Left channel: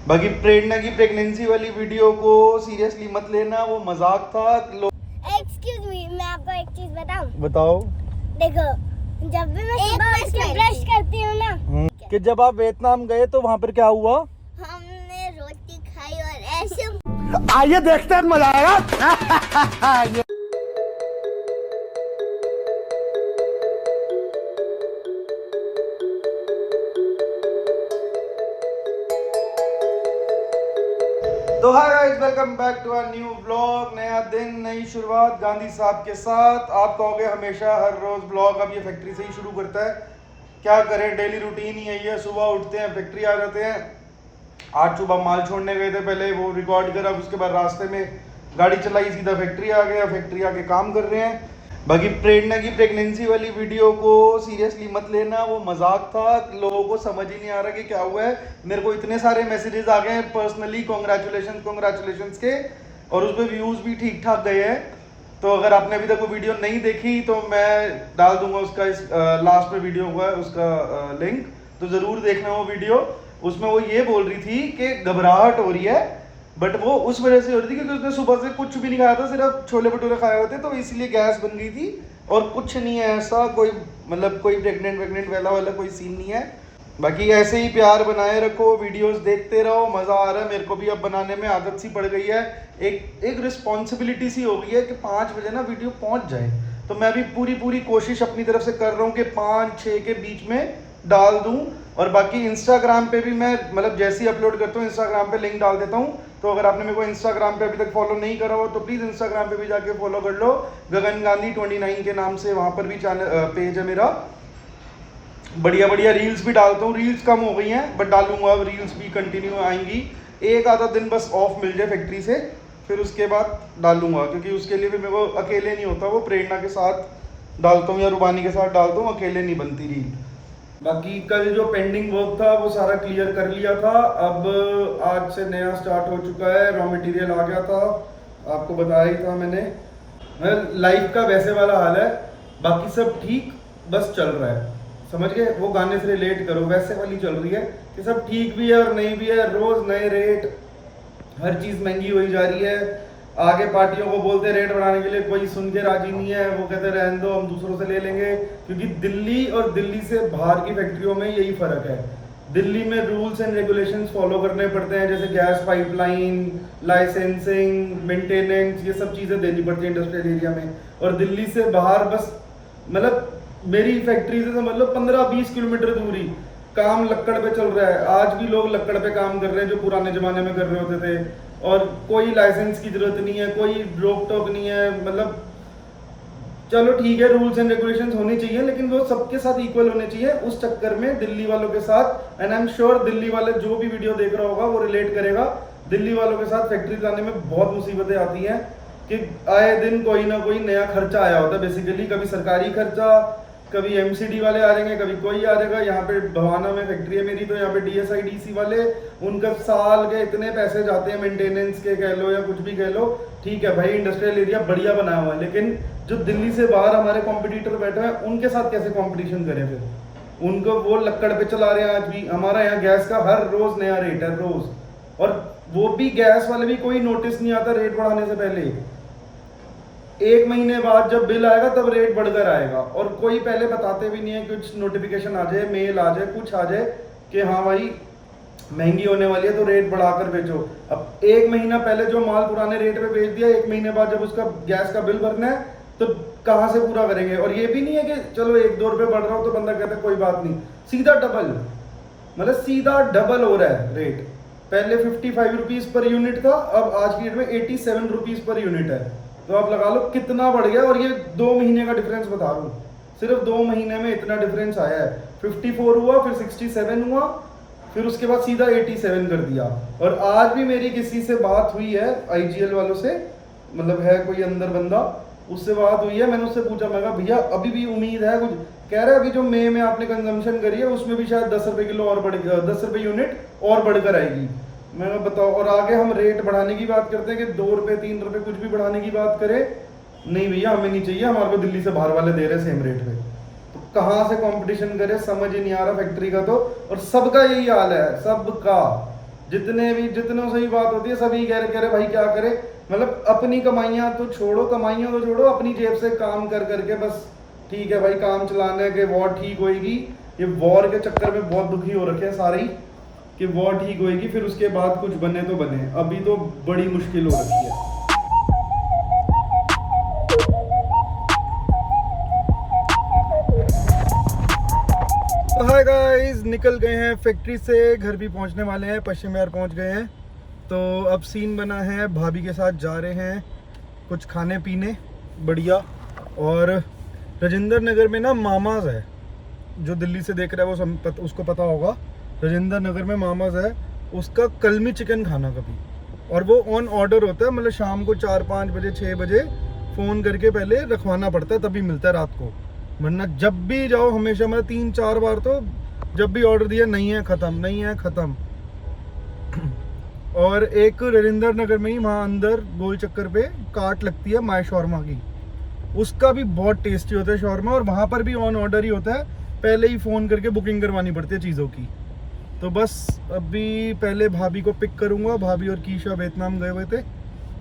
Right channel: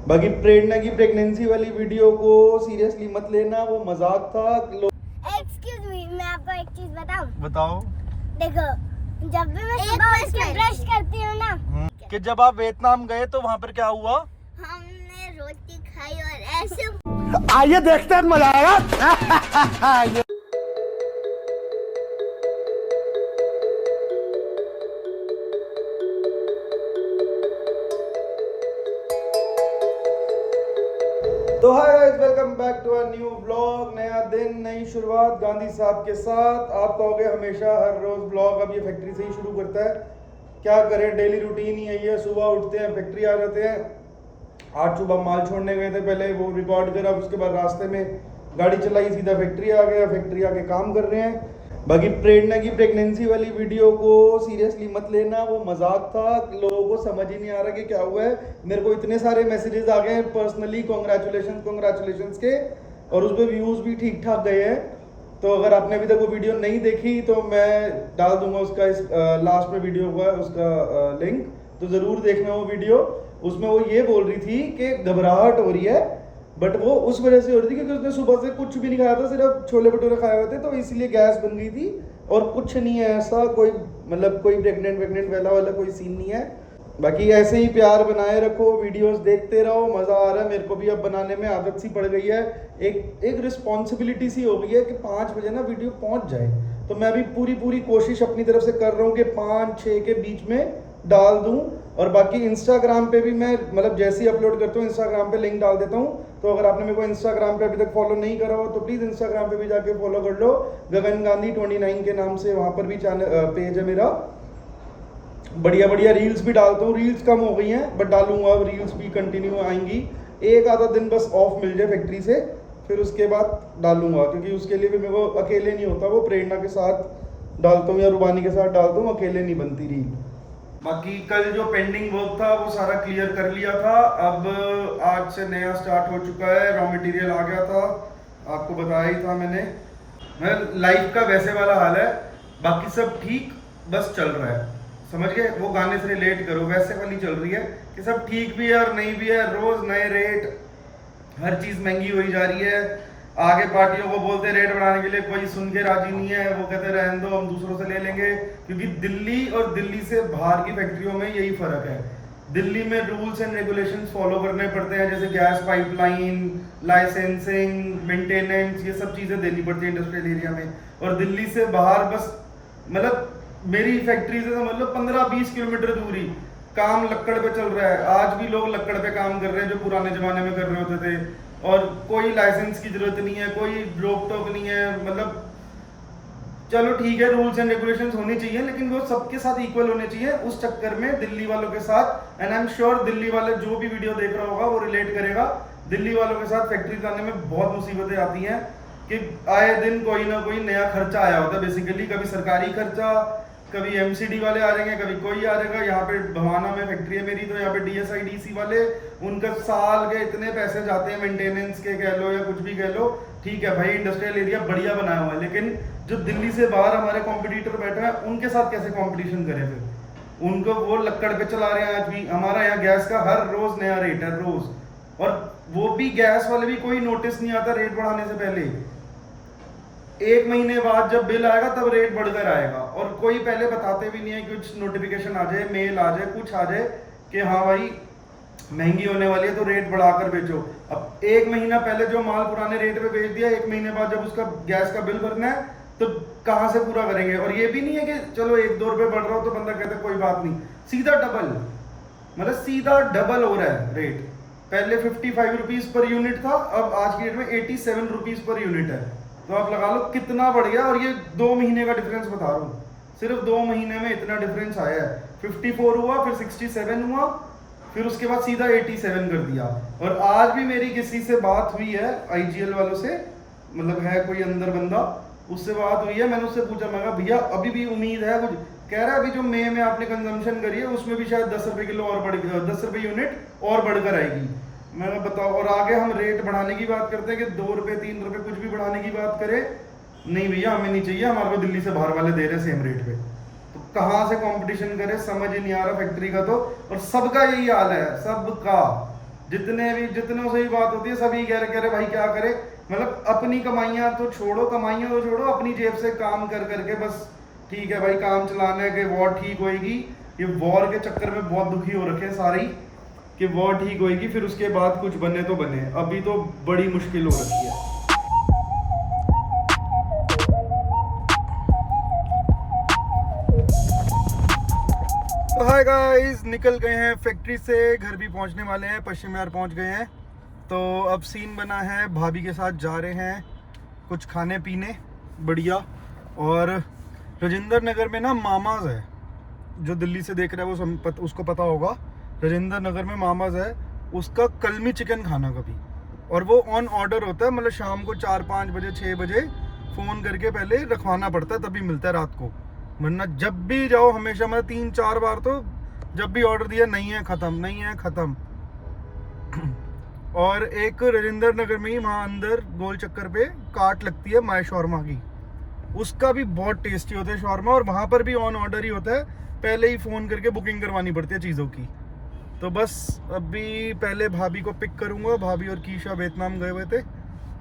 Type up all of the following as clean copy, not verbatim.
बाकी प्रेरणा की प्रेगनेंसी वाली वीडियो को सीरियसली मत लेना, वो मजाक था। एक्सक्यूज मी, मैं आपको एक चीज बताऊं? बताओ। देखो, जब भी मैं सुबह उठ के ब्रश करती हूँ ना, कि जब आप वियतनाम गए तो वहाँ पर क्या हुआ? हमने रोटी खाई और ऐसे आइए देखते हैं, मजा आएगा। तो hi guys, welcome back to a new vlog. नया दिन, नई शुरुआत गांधी साहब के साथ। आप कहोगे हमेशा हर रोज व्लॉग अब ये फैक्ट्री से ही शुरू करता है, क्या करें, डेली रूटीन ही यही है। सुबह उठते हैं, फैक्ट्री आ जाते हैं। आज सुबह माल छोड़ने गए थे, पहले वो रिकॉर्ड करा, उसके बाद रास्ते में गाड़ी चलाई, सीधा फैक्ट्री आ गया। फैक्ट्री आके काम कर रहे हैं। बाकी प्रेरणा की प्रेगनेंसी वाली वीडियो को सीरियसली मत लेना, वो मजाक था। लोगों को समझ ही नहीं आ रहा कि क्या हुआ है। मेरे को इतने सारे मैसेजेस आ गए हैं पर्सनली, कॉन्ग्रेचुलेशन के, और उस पर व्यूज़ भी ठीक ठाक गए हैं। तो अगर आपने अभी तक वो वीडियो नहीं देखी तो मैं डाल दूंगा उसका इस लास्ट में वीडियो हुआ है उसका लिंक, तो ज़रूर देखना वो वीडियो। उसमें वो ये बोल रही थी कि घबराहट हो रही है, बट वो उस वजह से हो रही थी क्योंकि उसने सुबह से कुछ भी नहीं खाया था, सिर्फ छोले भटूरे खाए हुए थे, तो इसलिए गैस बन गई थी। और कुछ नहीं है ऐसा, कोई मतलब कोई प्रेग्नेंट वाला कोई सीन नहीं है। बाकी ऐसे ही प्यार बनाए रखो, वीडियोस देखते रहो, मज़ा आ रहा है। मेरे को भी अब बनाने में आदत सी पड़ गई है, एक रिस्पॉन्सिबिलिटी सी हो गई है कि 5 बजे ना वीडियो पहुंच जाए। तो मैं भी पूरी कोशिश अपनी तरफ से कर रहा हूँ कि 5-6 के बीच में डाल दूं। और बाकी इंस्टाग्राम पे भी मैं मतलब जैसे ही अपलोड करता हूँ इंस्टाग्राम पे लिंक डाल देता हूँ। तो अगर आपने मेरे को इंस्टाग्राम पे अभी तक फॉलो नहीं करा हो तो प्लीज़ इंस्टाग्राम पे भी जाके फॉलो कर लो, गगन गांधी 29 के नाम से। वहाँ पर भी चैनल पेज है मेरा। बढ़िया रील्स भी डालता हूँ। रील्स कम हो गई हैं बट डालूंगा, अब रील्स भी कंटिन्यू आएंगी। एक आधा दिन बस ऑफ मिल जाए फैक्ट्री से, फिर उसके बाद डालूंगा, क्योंकि उसके लिए भी मेरे को अकेले नहीं होता, वो प्रेरणा के साथ डालता हूँ या रुबानी के साथ डालता हूँ, अकेले नहीं बनती रील। बाकी कल जो पेंडिंग वर्क था वो सारा क्लियर कर लिया था। अब आज से नया स्टार्ट हो चुका है। रॉ मटेरियल आ गया था, आपको बताया ही था मैंने। लाइफ का वैसे वाला हाल है, बाकी सब ठीक, बस चल रहा है, समझ गए। वो गाने से रिलेट करो, वैसे वाली चल रही है कि सब ठीक भी है और नहीं भी है। रोज नए रेट, हर चीज महंगी हुई जा रही है। आगे पार्टियों को बोलते हैं रेट बढ़ाने के लिए, कोई सुन के राजी नहीं है। वो कहते हैं रहने दो, हम दूसरों से ले लेंगे। क्योंकि दिल्ली और दिल्ली से बाहर की फैक्ट्रियों में यही फर्क है। दिल्ली में रूल्स एंड रेगुलेशंस फॉलो करने पड़ते हैं, जैसे गैस पाइपलाइन, लाइसेंसिंग, मेंटेनेंस, ये सब चीजें देनी पड़ती है इंडस्ट्रियल एरिया में। और दिल्ली से बाहर बस मतलब मेरी फैक्ट्री से मतलब 15-20 किलोमीटर दूरी काम लक्कड़ पे चल रहा है। आज भी लोग लक्कड़ पे काम कर रहे हैं जो पुराने जमाने में कर रहे होते थे, और कोई लाइसेंस की जरूरत नहीं है, कोई रोक टोक नहीं है। मतलब चलो ठीक है, रूल्स एंड रेगुलेशंस होनी चाहिए, लेकिन वो सबके साथ इक्वल होने चाहिए। उस चक्कर में दिल्ली वालों के साथ, and I am sure Delhi वाले जो भी वीडियो देख रहा होगा वो रिलेट करेगा, दिल्ली वालों के साथ फैक्ट्री लाने में बहुत मुसीबतें आती हैं कि आए दिन कोई ना कोई नया खर्चा आया होता है। बेसिकली कभी सरकारी खर्चा, कभी एमसीडी वाले आ रहेंगे, कभी कोई आ रहेगा। यहाँ पे भवाना में फैक्ट्री है मेरी, तो यहाँ पे डीएसआईडीसी वाले, उनका साल के इतने पैसे जाते हैं मेंटेनेंस के कह लो या कुछ भी कह लो। ठीक है भाई, इंडस्ट्रियल एरिया बढ़िया बनाया हुआ है, लेकिन जो दिल्ली से बाहर हमारे कॉम्पिटिटर बैठे हैं उनके साथ कैसे कॉम्पिटिशन करें फिर। उनको वो लक्कड़ पे चला रहे हैं। आज भी हमारा यहाँ गैस का हर रोज नया रेट है, रोज। और वो भी गैस वाले भी कोई नोटिस नहीं आता रेट बढ़ाने से पहले। 1 महीने बाद जब बिल आएगा तब रेट बढ़कर आएगा, और कोई पहले बताते भी नहीं है। कुछ नोटिफिकेशन आ जाए, मेल आ जाए, कुछ आ जाए कि हाँ भाई महंगी होने वाली है तो रेट बढ़ाकर बेचो। अब 1 महीना पहले जो माल पुराने रेट पे बेच दिया, 1 महीने बाद जब उसका गैस का बिल भरना है तो कहाँ से पूरा करेंगे। और ये भी नहीं है कि चलो 1-2 रुपए बढ़ रहा हो तो बंदा कहता है कोई बात नहीं, सीधा डबल, मतलब सीधा डबल हो रहा है रेट। पहले 55 रुपीज पर यूनिट था, अब आज की डेट में 87 रुपीज पर यूनिट है। तो आप लगा लो कितना बढ़ गया। और ये 2 महीने का डिफरेंस बता रहा हूँ, सिर्फ 2 महीने में इतना डिफरेंस आया है। 54 हुआ, फिर 67 हुआ, फिर उसके बाद सीधा 87 कर दिया। और आज भी मेरी किसी से बात हुई है आईजीएल वालों से, मतलब है कोई अंदर बंदा, उससे बात हुई है। मैंने उससे पूछा, मैं कहा भैया अभी भी उम्मीद है कुछ? कह रहे अभी जो मई में आपने कंजम्पशन करी है उसमें भी शायद 10 रुपए किलो और बढ़ 10 रुपए यूनिट और बढ़कर आएगी। मैंने बताओ, और आगे हम रेट बढ़ाने की बात करते हैं कि 2 रुपए 3 रुपए कुछ भी बढ़ाने की बात करें, नहीं भैया हमें नहीं चाहिए, हमारे को दिल्ली से बाहर वाले दे रहे सेम रेट पे। तो कहाँ से कंपटीशन करे, समझ ही नहीं आ रहा फैक्ट्री का तो। और सबका यही हाल है, सबका। जितनों से भी बात होती है सभी कह रहे भाई क्या करे, मतलब अपनी कमाइयाँ तो छोड़ो, अपनी जेब से काम कर करके बस ठीक है भाई, काम चलाने के वॉर ठीक होएगी। ये वॉर के चक्कर में बहुत दुखी हो रखे हैं सारे ही कि वॉर ठीक होएगी फिर उसके बाद कुछ बने तो बने, अभी तो बड़ी मुश्किल हो रखी है। तो हाय गाइस, निकल गए हैं फैक्ट्री से, घर भी पहुंचने वाले हैं, पश्चिम विहार पहुंच गए हैं। तो अब सीन बना है, भाभी के साथ जा रहे हैं कुछ खाने पीने बढ़िया। और राजेंद्र नगर में ना मामाज है, जो दिल्ली से देख रहा है वो उसको पता होगा। राजेंद्र नगर में मामाज है, उसका कलमी चिकन खाना कभी, और वो ऑन ऑर्डर होता है, मतलब शाम को 4-5 बजे 6 बजे फ़ोन करके पहले रखवाना पड़ता है, तभी मिलता है रात को। वरना जब भी जाओ हमेशा, मतलब 3-4 बार तो जब भी ऑर्डर दिया नहीं है ख़त्म। और एक राजेंद्र नगर में ही वहाँ अंदर गोल चक्कर पे काट लगती है माय शॉर्मा की, उसका भी बहुत टेस्टी होता है शॉर्मा, और वहाँ पर भी ऑन ऑर्डर ही होता है, पहले ही फ़ोन करके बुकिंग करवानी पड़ती है चीज़ों की। तो बस अभी पहले भाभी को पिक करूँगा, भाभी और कीशा वियतनाम गए हुए थे,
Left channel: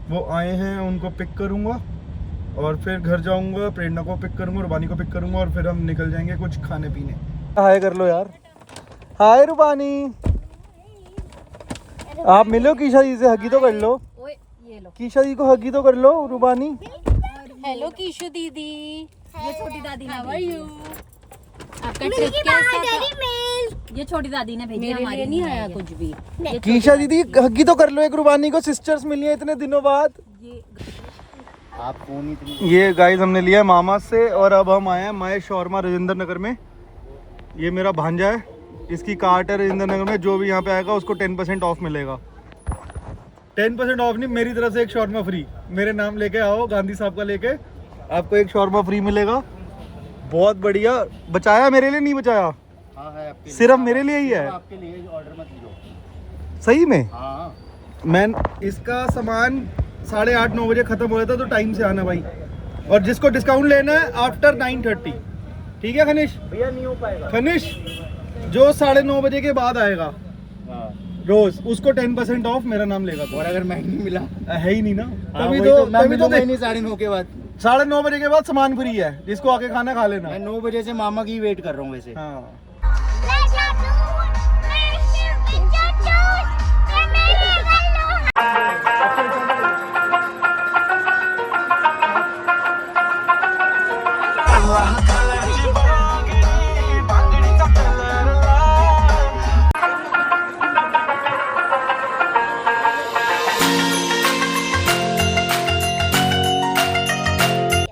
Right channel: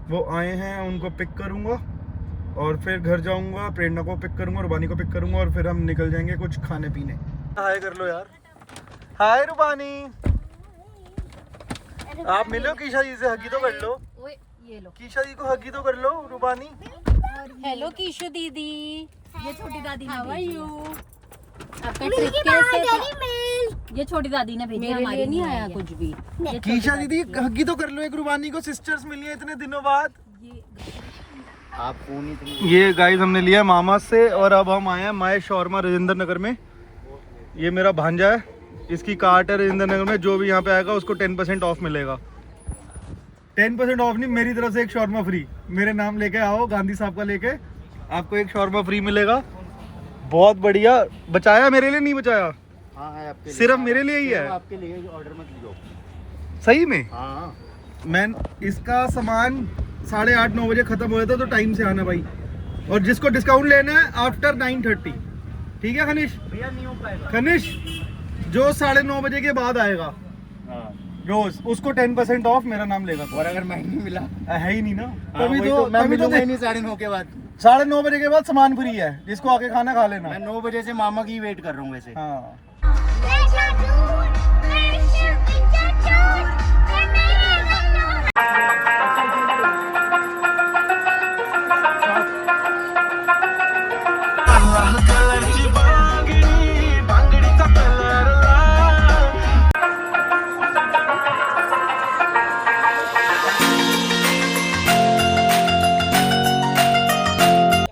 वो आए हैं, उनको पिक करूँगा और फिर घर जाऊँगा, प्रेरणा को पिक करूँगा, रुबानी को पिक करूँगा, और फिर हम निकल जाएंगे कुछ खाने पीने। हाय कर लो यार, हाय रुबानी, आप मिलो कीशा जी से, हगी तो कर लो। ये लो, कीशा जी को हगी तो कर लो रुबानी। हेलो कीशु दीदी, ये छोटी दादी ने भेजी है। आपका ट्रिप कैसा था? ये छोटी दादी ने भेजी, हमारे नहीं आया कुछ भी। कीशा दीदी हगी तो कर लो एक रुबानी को, सिस्टर्स मिली हैं इतने दिनों बाद। ये गाइस हमने लिया मामा से, और अब हम आए हैं माय शॉर्मा राजेंद्र नगर में। ये मेरा भांजा है, इसकी कार्ट है राजेंद्र नगर में, जो भी यहाँ पे आएगा उसको 10% ऑफ मिलेगा। 10% ऑफ नहीं, मेरी तरफ से एक शॉर्मा फ्री, मेरे नाम लेके आओ, गांधी साहब का लेके, आपको एक शॉर्मा फ्री मिलेगा। बहुत बढ़िया, बचाया मेरे लिए नहीं बचाया? हाँ है आपके लिए, सिर्फ मेरे लिए ही है? आपके लिए ऑर्डर मत लो। सही में? हाँ, मैं इसका सामान 8:30-9 बजे खत्म हो जाता, तो टाइम से आना भाई, और जिसको डिस्काउंट लेना है आफ्टर 9:30, ठीक है खनिश? भैया नहीं हो पाएगा। खनिश जो 9:30 बजे के बाद आएगा हाँ, रोज, उसको 10% ऑफ मेरा नाम लेगा। और अगर माइक नहीं मिला है ही नहीं ना, हाँ, तभी वही तो मैं तभी तो मिलूंगा ही नहीं 9:30 के बाद। 9:30 बजे के बाद सामान फ्री है, जिसको आके खाना खा लेना। मैं 9 बजे से मामा की वेट कर रहा हूँ वैसे। हाँ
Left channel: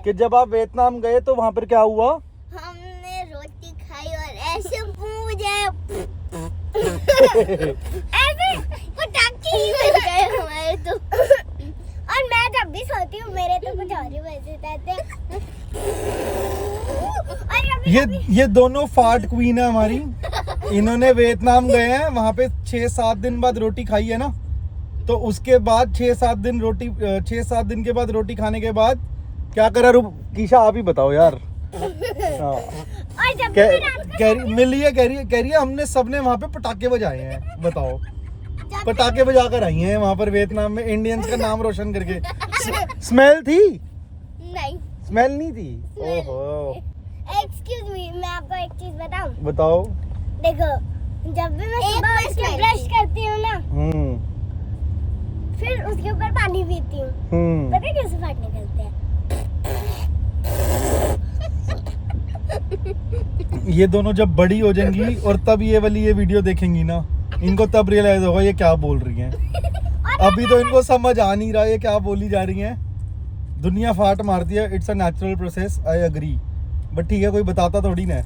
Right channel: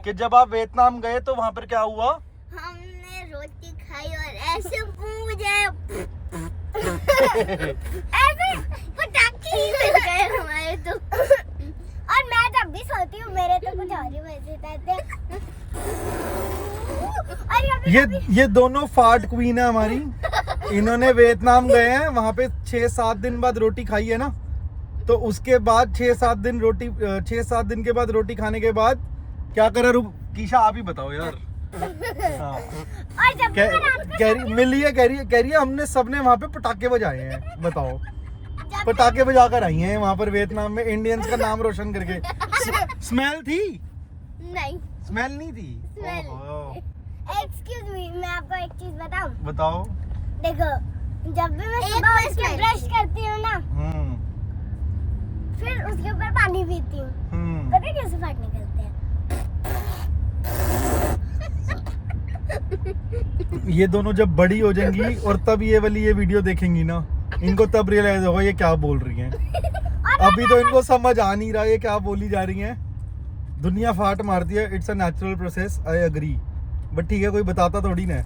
कि जब आप वियतनाम गए तो वहाँ पर क्या हुआ? हमने रोटी खाई और ऐसे मुझे ऐसे पटाखे ही मिल गए हमारे तो। और मैं जब भी सोती हूँ मेरे तो कुछ और ही बजे रहते। और ये दोनों फाट क्वीन है हमारी, इन्होंने वियतनाम गए हैं, वहाँ पे 6-7 दिन बाद रोटी खाई है ना, तो उसके बाद 6-7 दिन के बाद रोटी खाने के बाद क्या करा? कीशा आप ही बताओ यार। हाँ। और जब भी मैं रात को मिली है, कह रही है हमने सबने वहाँ पे पटाखे बजाए हैं, बताओ। पटाखे बजा कर आई हैं वहाँ पर वियतनाम में, इंडियंस का नाम रोशन करके। स्मेल थी? नहीं, स्मेल नहीं थी? ओहो। एक्सक्यूज मी, मैं आपको एक चीज बताऊं? बताओ। देखो, जब भी मैं सुबह उठ के ब्रश करती हूँ ना, फिर उसके ऊपर पानी पीती हूँ, पता है कैसे फाट निकलते हैं? ये दोनों जब बड़ी हो जाएंगी और तब ये वीडियो देखेंगी ना, इनको तब रियलाइज होगा ये क्या बोल रही हैं। अभी तो इनको समझ आ नहीं रहा ये क्या बोली जा रही हैं। दुनिया फाट मारती है, it's a natural process, I agree, but ठीक है कोई बताता थोड़ी ना।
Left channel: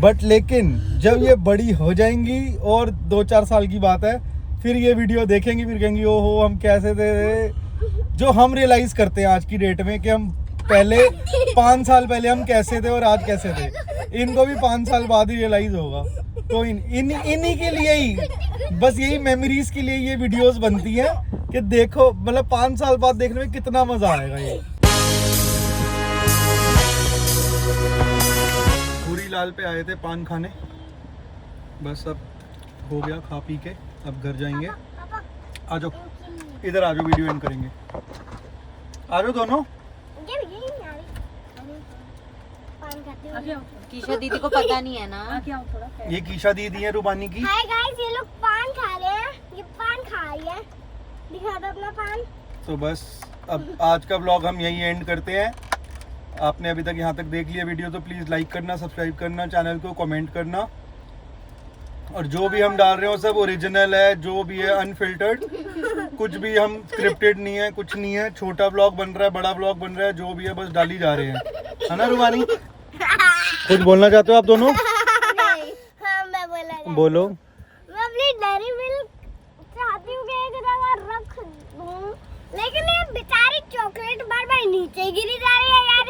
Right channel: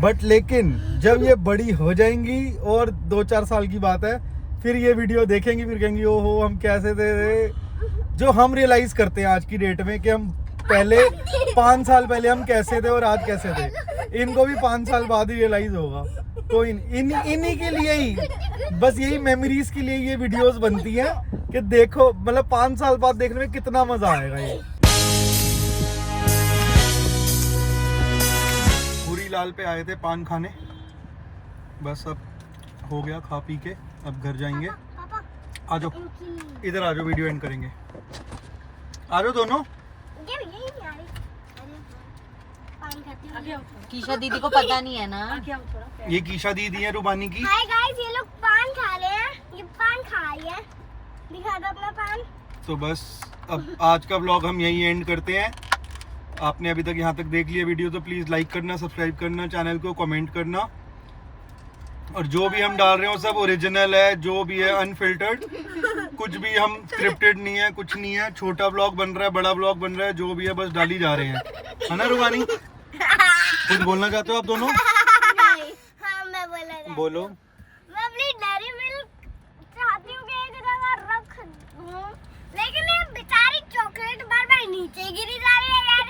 बट लेकिन जब ये बड़ी हो जाएंगी और 2-4 साल की बात है, फिर ये वीडियो देखेंगी, फिर कहेंगी ओहो हम कैसे थे। जो हम रियलाइज करते हैं आज की डेट में कि हम पहले 5 साल पहले हम कैसे थे और आज कैसे थे, इनको भी 5 साल बाद ही रियलाइज होगा। तो इन्हीं के लिए ही, बस यही मेमोरीज के लिए ये वीडियोस बनती है कि देखो, मतलब 5 साल बाद देखने में कितना मजा आएगा। ये पूरी लाल पे आए थे पान खाने, बस अब हो गया खा पी के, अब घर जाएंगे। आ जाओ, इधर आ जाओ, वीडियो एंड करेंगे। आ जाओ दोनों। कीशा दीदी को पता नहीं है ना। ये कीशा दीदी है रूबानी की। हाय गाइस, ये लोग पान खा रहे हैं। ये पान खा रही है। दिखा दो अपना पान। तो बस अब आज का व्लॉग हम यही एंड करते हैं। आपने अभी तक यहाँ तक देख लिया वीडियो तो प्लीज़ लाइक करना, सब्सक्राइब करना चैनल को, कमेंट करना। और जो भी हम डाल रहे हो सब ओरिजिनल है, जो भी है अनफिल्टर्ड, कुछ भी हम स्क्रिप्टेड नहीं है, कुछ नहीं है। छोटा व्लॉग बन रहा है, बड़ा व्लॉग बन रहा है, जो भी है बस डाली जा रहे हैं, है ना रूबानी? कुछ बोलना चाहते हो आप दोनों? हाँ, मैं बोला। बोलो। मैं अपनी डेयरी मिल्क चाहती हूँ कि एक जगह रख दूँ, लेकिन ये बेचारी चॉकलेट बार बार नीचे गिरी जा रही है यार।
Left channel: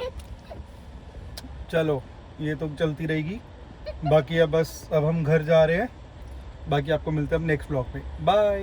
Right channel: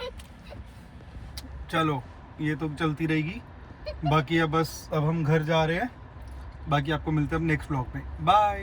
चलो ये तो चलती रहेगी। बाकी अब बस अब हम घर जा रहे हैं। बाकी आपको मिलते हैं अब नेक्स्ट व्लॉग में। बाय।